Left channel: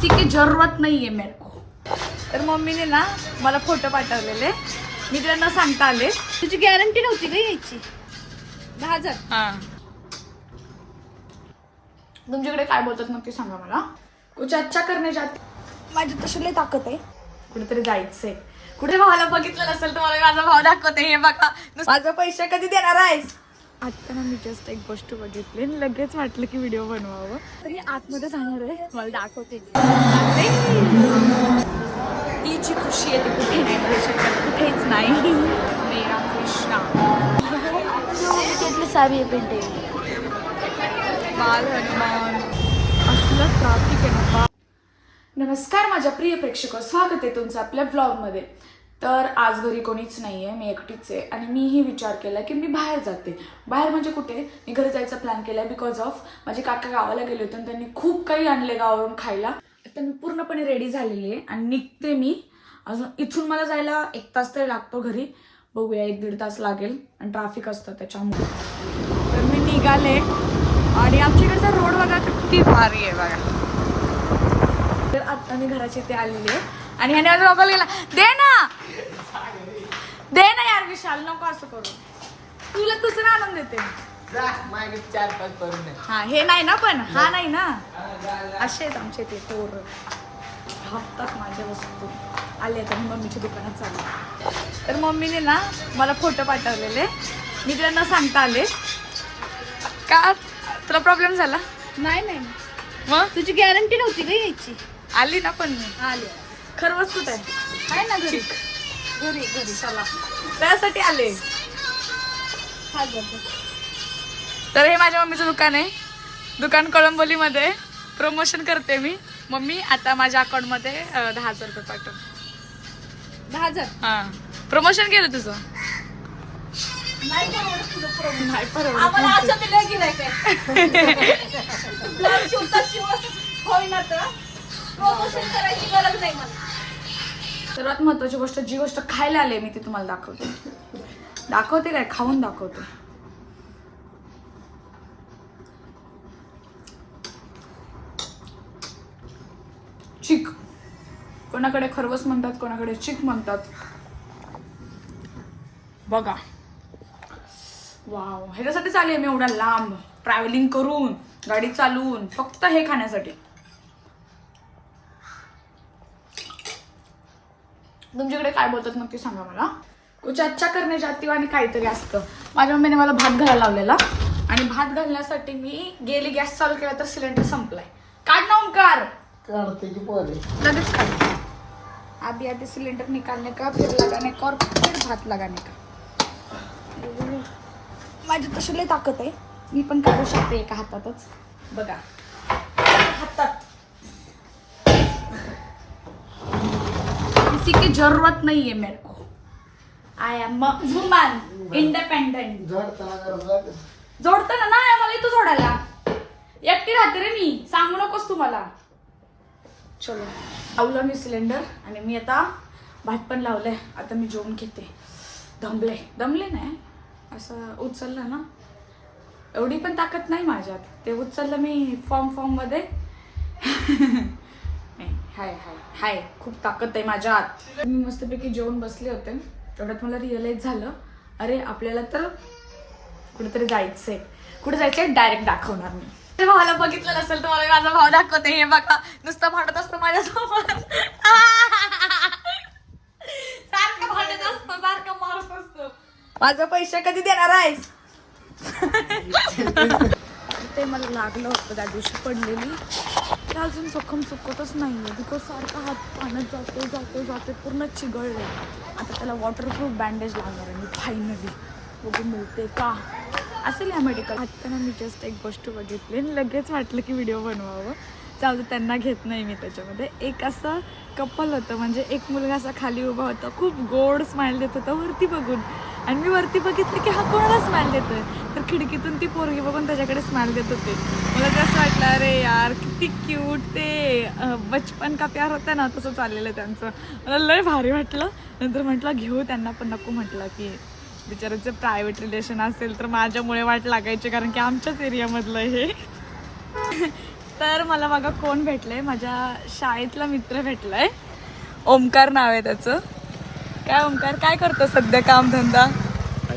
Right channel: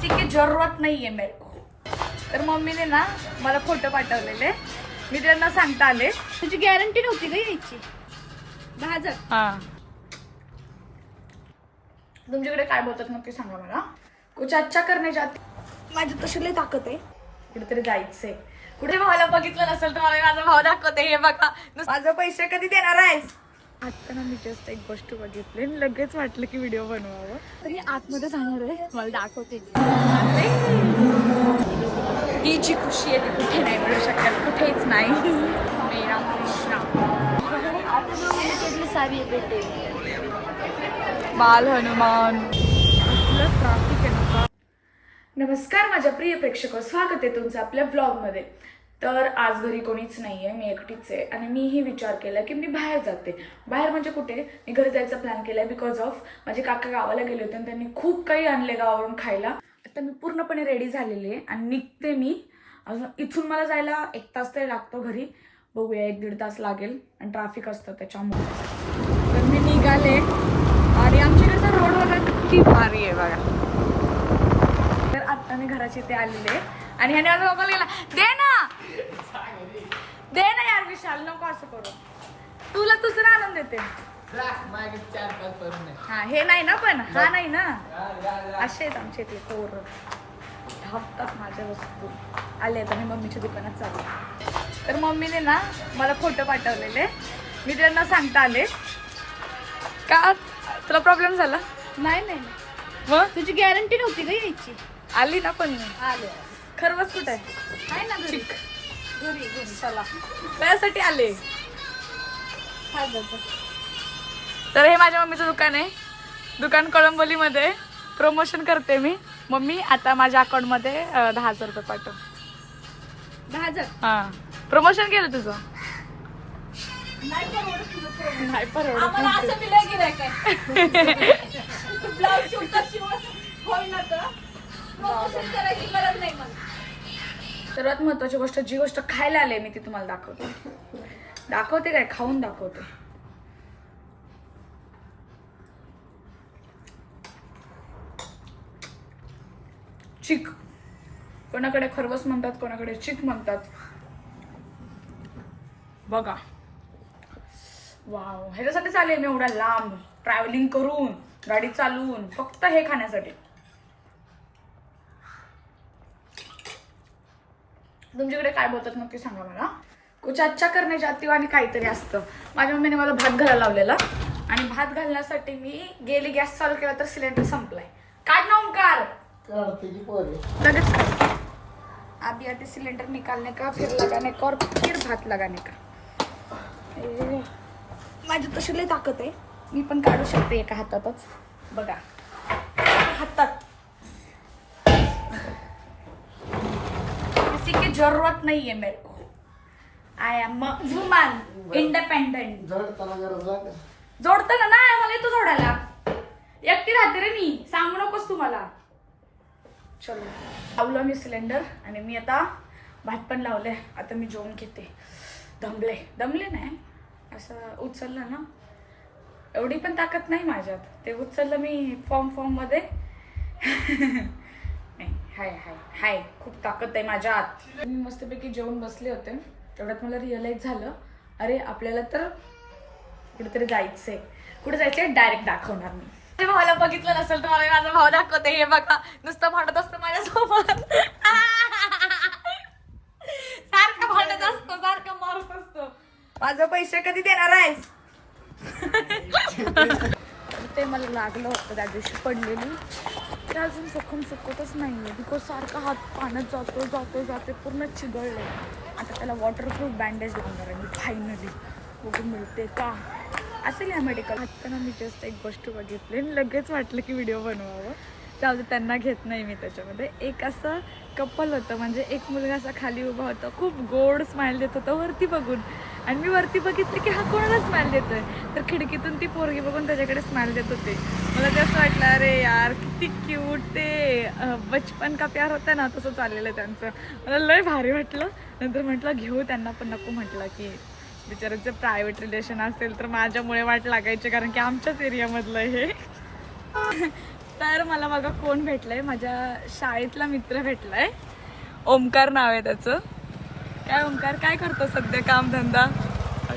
किसी की जरूरत नाही आहे मेरे को. तर मम्मीने ना मला फोटो पाठवलेले. मी तिला न सांगता आले. तुझी गॅरंटी नव्हती का यायची. दहा हजार. हा. तुमच्याकडे काय बोलतात मग ते सांगा मला. कुछ अच्छा करणे जात माझी तशी लई ताकद आहे. कुठेतरी जायचंय. कुठे भावाला बघितलं नसेल तर मला माझा भाव दाखवते. हे बघा. माझं पैसे कधी देणार आहेस? आता ना मी जस्ट एक गोष्ट बघितली आणि लगेच वाटलं की व्हिडिओ बनवावं. तरी आतमध्ये जाणार आहे. मला दाखवते. ही जी खुशी आहे ती कुठे नाही मिळू शकत. कुठेच नाही. मेरा कृष्णा. सारी भेटे बाल हनुमान. असलं ट्राफिक आहे ना बा- नमस्कार माझ्या प्रिय प्रेक्षक. स्वागत आहे तुमचं आपल्या ब्लॉगमध्ये तर आज घरी कोणीच नाही आहे मी एकटीच आहे. आणि मीही विचार केला की मी बाहेर जाते. बाहेर म्हणजे कुठे? मी घरी जायचा प्लॅन केला आहे बिकॉज ऑफ माझे काका गावाला गेले होते आणि त्यांनी खूप काही आणले गावावरून खायला. आता मी पूर्णपणे रेडी झालेली आहे आणि निघते मी. अजून इथून मला जायला एक तास तरी लागतो घरी. बघूया एक दीड तास लागेल आणि ट्रॅफिक असतं त्याच्यामुळे. तर मी निघाले आणि आमच्याकडचा रोड बघा किती भारी आहे बघा. तर आता मी घराच्या इथे आलेले आहे. आणि ह्याने मोबाईल गेला दे ना. दे ना यार विशाल नको असं करू. तुला दुसरा आनंद देते. हा हे नाही ना पण हा नाही ना. असे आहेत आमच्या इथे तोर धापतात माझ्या वस्तू. आले आहेत आणि मम्मीच्या दुकानात चालले तर मम्मीने ना मला फोटो पाठवलेले. मी तिला न सांगता आले. का? तुला प्रॉब्लेम झाला? नाही नाही. मग? तुझी गॅरंटी नव्हती का यायची. आली ना पण मी. आले. खरवच कुठे? आहे ना घरी. चिक घरी घरी. चला. त्यासाठी आले. तर हे माझ्या मम्मीचं दुकान आहे. दुकान कळंबोलीमध्ये. प्रमोशन करते मी. मम्मी आता माझ्या अकाउंटमध्ये दहा हजार रुपये पाठव. दहा हजार? हा. प्रमोशन केलं तुझं? नाही परवडत. नाही सर्वात महत्वाची गोष्ट जी गोष्ट खायला आले मी ती तुम्हाला दाखवते. दाखवते काय? खाऊन दाखवते. चिक. कोणाकडे खरवस म्हणतात कोणाकडे चिक म्हणतात. बघा. वाव. ह्याच्यासाठीच आले मी एवढा लांब. ट्रॅव्हलिंग करून गाडी चालवून फक्त हे खाण्यासाठी. तुमच्याकडे काय बोलतात मग ते सांगा मला. कुछ अच्छा करणे जाती आणि काहीतरी असतं. माझ्या मम्मीने मला भात घालायला लावलेला. आणि भात घालण्यासाठी मी गेली गॅस चालू केला तर सिलेंडर संपलाय. काढ ना ओंकार. लगेच काढ. आधी आधी सिलेंडर निकालने का फिर लगाने का और फिर भात लगाने का माझी तशी लई ताकद आहे. मी पण काढू शकते एका हातातच. बघा. हातात. किसी की जरूरत नहीं है मेरे को. आय एम वुमन इंडिपेंडेंट जोडतं ना मला तू जोडायला. एकटी राहते रे मी. सांगू नकोस तुम्हाला. चलो. लावलं मी सिलेंडर आणि मी आता भात पण लावलंय. आता मी जेवून घेते. दमले. दमले नाही. असं उचललं ना. एवढी पण ताकद नाही माझ्यात. ते उचललं मी फॉर्म फॉर्ममध्ये हाय हाय. हाय. खूप ताकद आहे माझ्या आत. मी मस्तपैकी जेवून बसले होते. तेवढ्यात मला रिअलाईज झालं अरे आपल्याला तर कुठेतरी जायचंय. कुठे जायचंय? डायरेक्ट दाखवणार मी. ते भावाला बघितलं नसेल तर मला माझा भाव दाखवते. हे बघा नुसतं भांडत असतं माझ्यासोबत. सारखं भांडत असतो सारखं मारत असतो. माझं पैसे कधी देणार आहेस? ते मला लागलं होतं त्या दिवशी पडलेली. ते अजून सखम सुकतच नाही आहे बिकॉज सारखा हात पाण्यात जातो जातो जाते पूर्ण चिघळले आता त्याला वॉटरप्रूफ बँडेज लावणार आहे मी फायनली बघू मिळते का? असेल या मेडिकल आता ना मी जस्ट एक गोष्ट बघितली आणि लगेच वाटलं की व्हिडिओ बनवावं. जाऊ दे त्यांना घेत नाही मी त्याच्यामध्ये. एक असं कपल होतं म्हणजे एक मुलगा असा खाली उभा होता खूप गोड स्माइल देत होता वरती बघून. आणि मी वरती बघितलं की हा कोणाला देतो देतोय? तर खिडकीतून ती पोरगी बघून त्याच्याकडे स्मॅल देत होते. मला ते असं वाटलं अरे यार किती क्यूट ते बचपन का प्यार होता ना? तसं चाललेलं त्यांचं. मला लय भारी वाटलं. नंतर म्हटलं घेऊ त्यांना पण नको म्हटलं की बिचाराचं प्रायव्हेट रिलेशन असेल तर माझ्यामुळे वाट लागायची कारण की आमच्याच एरियामधलं हे तर मला मागं कोण भेटलं आहे माझ्या शाळेतला मित्र भेटला आहे ओमकार नाव आहे त्याचं. काय ओमकार काय करतो सध्या काम धंदा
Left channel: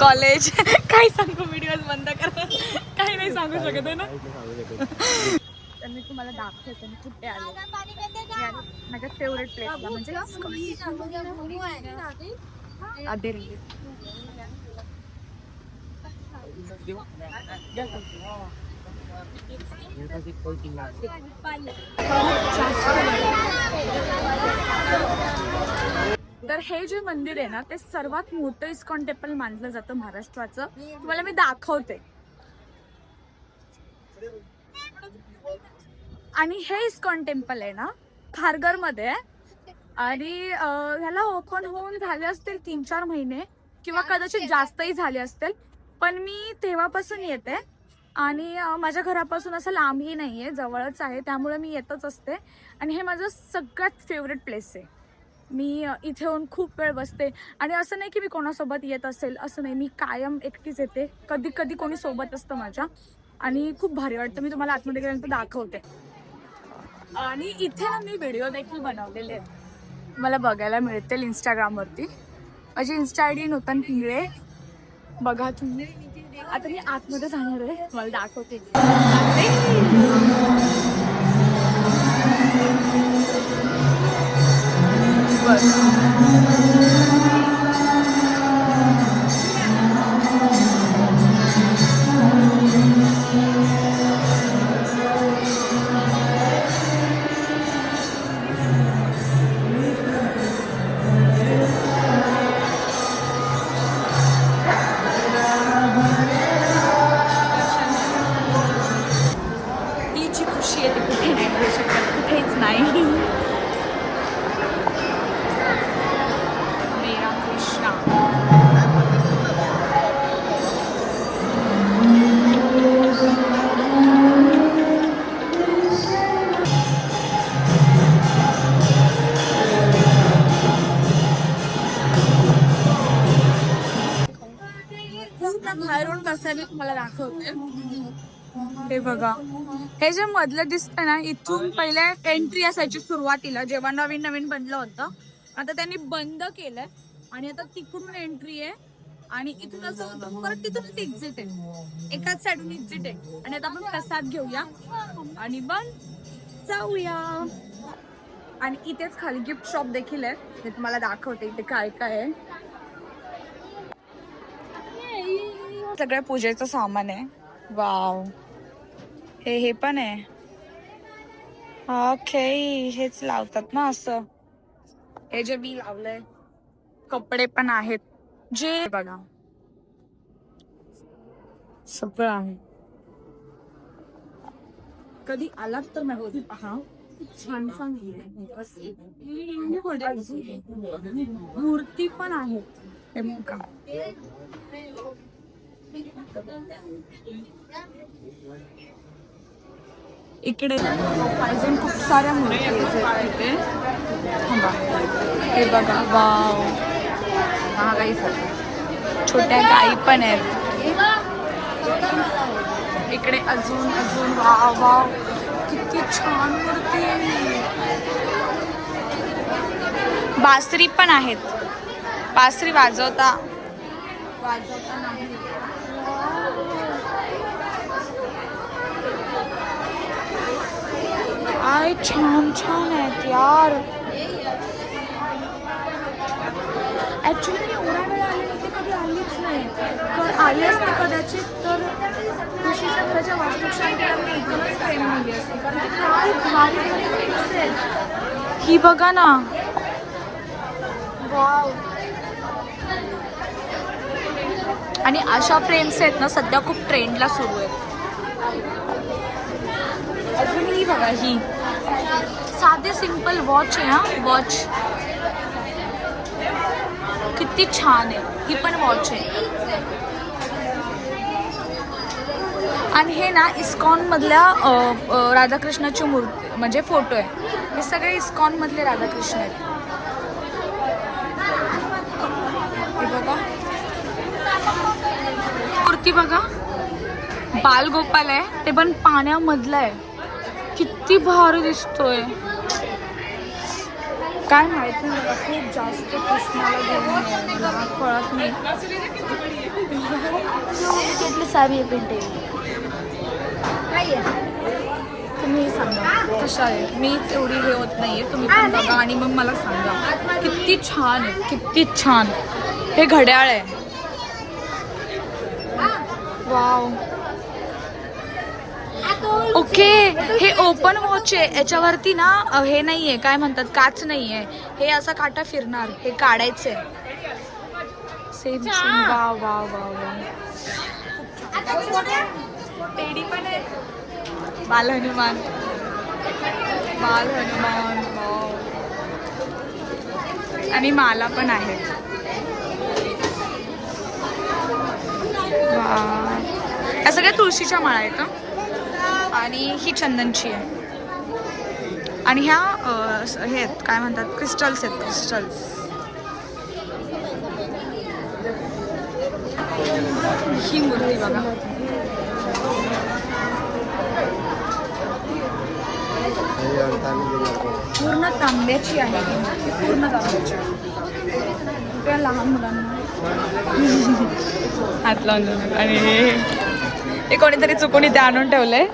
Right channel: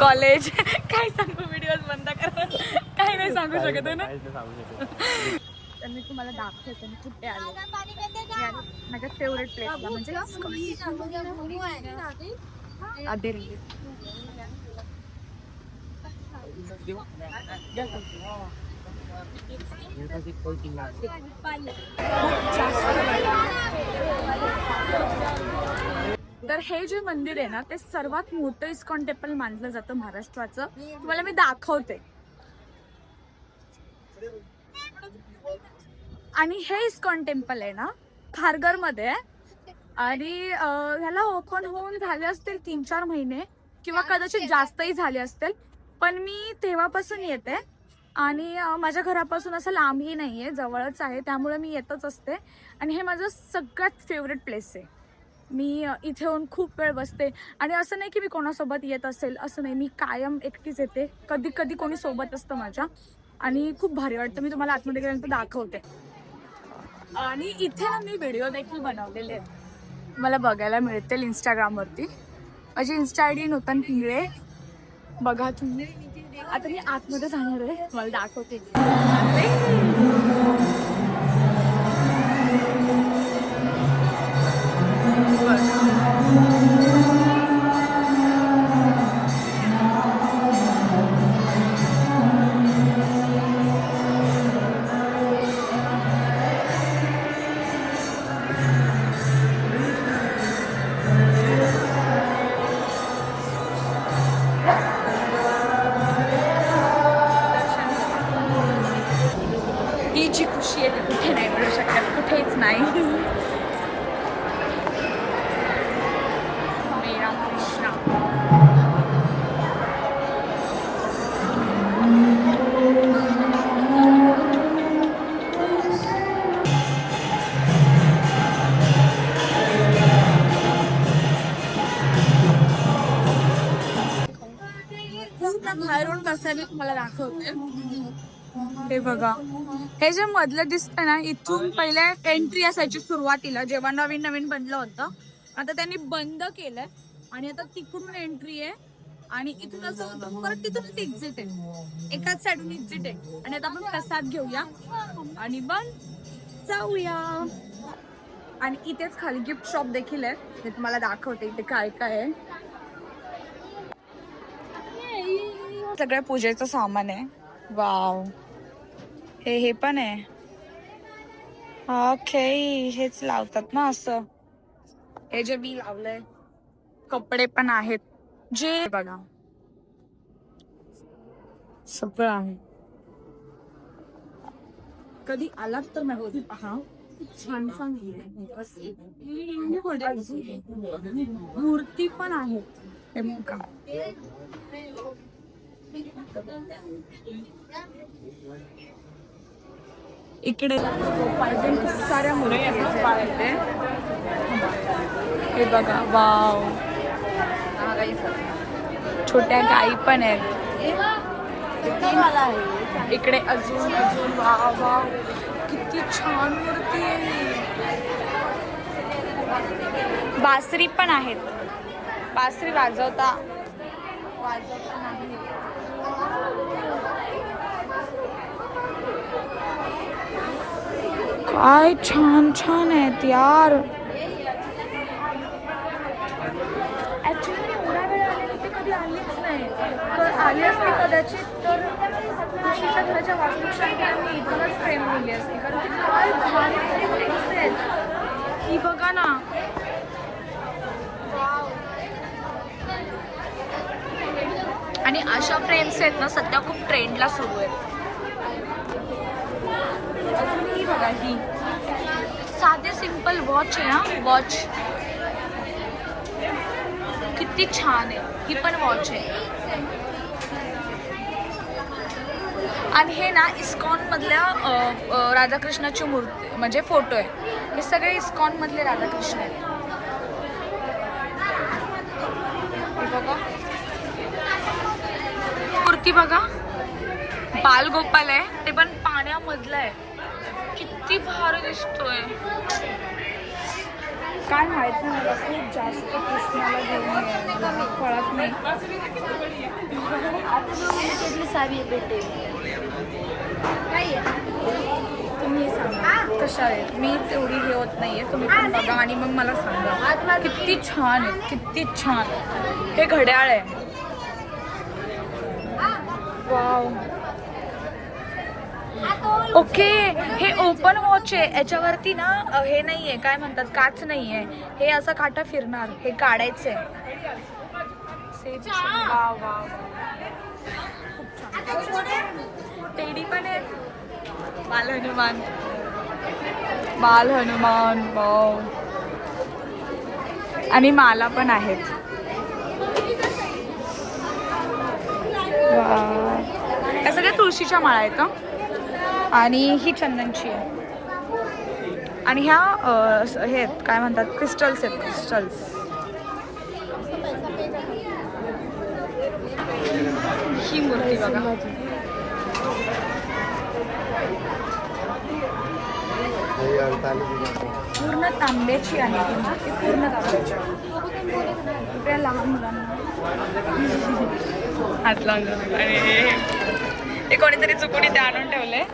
कॉलेज? काय सांगू व्हिडिओ बंद करा. काही नाही सांगू शकत आहे ना? तर मी तुम्हाला दाखवते मी कुठे आले? माझ्या फेवरेट प्लेसला म्हणजे खूप जास्त. तर हे जे मंदिर आहे ना ते सर्वात मोठं इस्कॉन टेम्पल मानलं जातं महाराष्ट्राचं. तुम्हाला मी दाखवते. आणि हे इस्कॉन टेम्पल आहे ना खारगरमध्ये आणि ह्याला ओपन होऊन झाले असतील तीन चार महिने किंवा कदाचित जास्तही झाले असतील. पण मी तेव्हापासून येते. आणि माझ्या घरापासून असं लांबही नाहीये जवळच आहे त्यामुळे मी येतच असते. आणि हे माझं सगळ्यात फेवरेट प्लेस आहे. मी इथे येऊन खूप वेळ बसते. आणि असं नाही की मी कोणासोबत येत असेल असं नाही. मी कायम एकटीच येते. कधी कधी कोणी सोबत असतं माझ्या. आणि खूप भारी वाटतं. मी तुम्हाला आतमध्ये गेल्यानंतर दाखवते. आणि इथे ना मी व्हिडिओ देखील बनवलेले आहेत. मला बघायला मिळतील इंस्टाग्रामवरती माझी insta I D Nutan Pingale बघा तुम्ही. आता मी आतमध्ये जाणार आहे. मला दाखवते. खुशी आहे ती कुठे नाही मिळू शकत कुठेच नाही बाहेरून कसं आहे मी तुम्हाला दाखवते. हे बघा. हे जे मधलं दिसतं ना इथून पहिले एंट्री असायची सुरुवातीला जेव्हा नवीन नवीन बनलं होतं. आता त्यांनी बंद केलंय. आणि आता तिकडून एंट्री आहे. आणि इथून असं होतं परत तिथूनच एक्झिट आहे. एकाच साईडून एक्झिट आहे. आणि आता आपण प्रसाद घेऊया. आणि मग जाऊया. आणि इथेच खाली गिफ्ट शॉप देखील आहे. मी तुम्हाला दाखवते इथे काय काय आहे. सगळ्या पूजेचं सामान आहे. वाव. हे हे पण आहे. ओके हेच लावतात ना असं. हे जे मी लावलंय कपडे पण आहेत. जे बघा. सगळं आहे. कधी आलात तर नाही पहा छान छान मूर्ती पण आहेत. हे इकडे अजून खूप साऱ्या मूर्ती आहेत इथे हे बघा वाव. छोट्या गाई पण आहेत. इकडे अजून अजून वाव वाव. किती छान मूर्ती. आहे बासरी पण आहेत. बासरी वाजवता. वाजवता नाही. काय छान छान आहेत यार ऍक्च्युली मी एवढा वेळ आले मी ते कधी आलीच नाही. क- आली असते कदाचित तर ऋषीच्या घराच्या वास्तुशांतीला मी इथूनच प्रेम नेली असते. कारण की काय भारी भारी फ्रेम्स आहेत. ही बघा ना. आणि अशा फ्रेम्स आहेत ना सध्या खूप ट्रेंडला सुरू आहेत. ही बघा ही. साधे सिंपल वॉच आहे हा. वॉच किती छान आहे. ही पण वॉच आहे. आणि हे ना इस्कॉन मधल्या राधाकृष्णाची मूर्ती म्हणजे फोटो आहे. हे सगळे इस्कॉन मधले राधाकृष्ण आहेत. हे बघा. मूर्ती बघा. बालगोपाल आहे. ते पण पाण्यामधलं आहे. किती भारी दिसतोय. काय माहीत नाही मला खूप जास्त कृष्णाला घेऊन. मला कळत नाही. आहे आहे तुम्ही सांगा कशा आहे मीच एवढी हे होत नाहीये तुम्ही पण बघा आणि मग मला सांगा. किती छान आहे किती छान. हे घड्याळ आहे. वाव. ओके हे ओपन वॉच आहे. याच्यावरती ना हे नाहीये काय म्हणतात काच नाहीये. हे असं काटा फिरणार हे काढायचंय. Same same wow wow wow wow. Teddy पण आहे. बाल हनुमान. बाल हनुमान वाव. आणि माला पण आहेत. वा या सगळ्या तुळशीच्या माळा आहेत हं. आणि ही चंदनची आहे. आणि ह्या हे आहेत काय म्हणतात क्रिस्टल्स आहेत क्रिस्टल्स ही मूर्ती बघा. पूर्ण तांब्याची आहे ती मूर्ती पूर्ण तांब्याची. त्या लहान मुलांना. हात लावून लावून. आणि हे कोणीतरी चुकून इथे आणून ठेवलंय.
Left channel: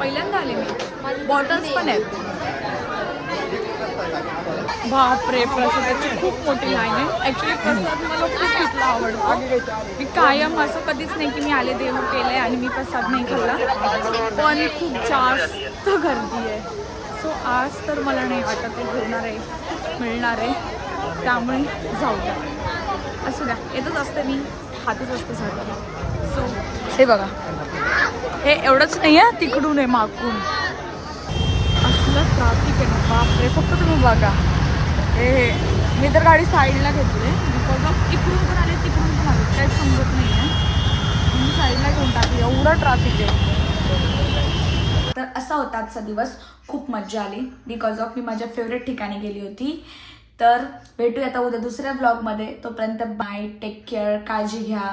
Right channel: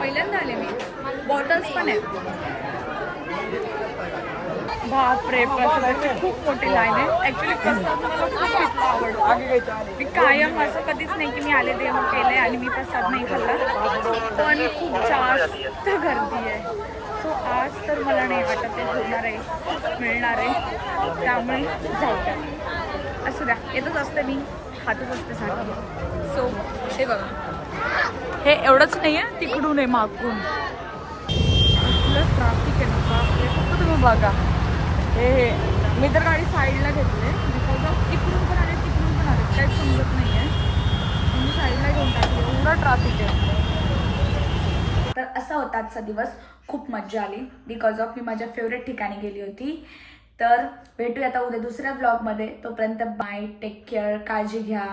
पहिल्यांदा आले मी बॉटल्स पण आहेत. बापरे प्रसादाची खूप मोठी लाईन आहे. ॲक्च्युली प्रसाद मला खूप तिथला आवडतो. मी कायम असं कधीच नाही की मी आले देव केले आणि मी प्रसाद नाही खाल्ला. पण खूप जास्त गर्दी आहे. सो आज तर मला नाही वाटत ते होणार आहे मिळणार आहे. त्यामुळे जाऊ द्या. असू द्या. येतच असते मी. खातच असते सारखी. सो हे बघा. हे एवढंच नाही आहे तिकडून आहे मागून. असलं ट्राफिक आहे ना बापरे फक्त तुम्ही बघा. हे हे मी तर गाडी साईडला घेतली बिकॉज ऑफ इकडून पण आले तिकडून पण आले काहीच समजत नाही आहे मी साईडला घेऊन टाकली एवढं ट्राफिक आहे. तर असा होता आजचा दिवस खूप मज्जा आली बिकॉज ऑफ मी माझ्या फेवरेट ठिकाणी गेली होती. तर भेटूया आता उद्या दुसऱ्या ब्लॉगमध्ये तोपर्यंत बाय टेक केअर काळजी घ्या.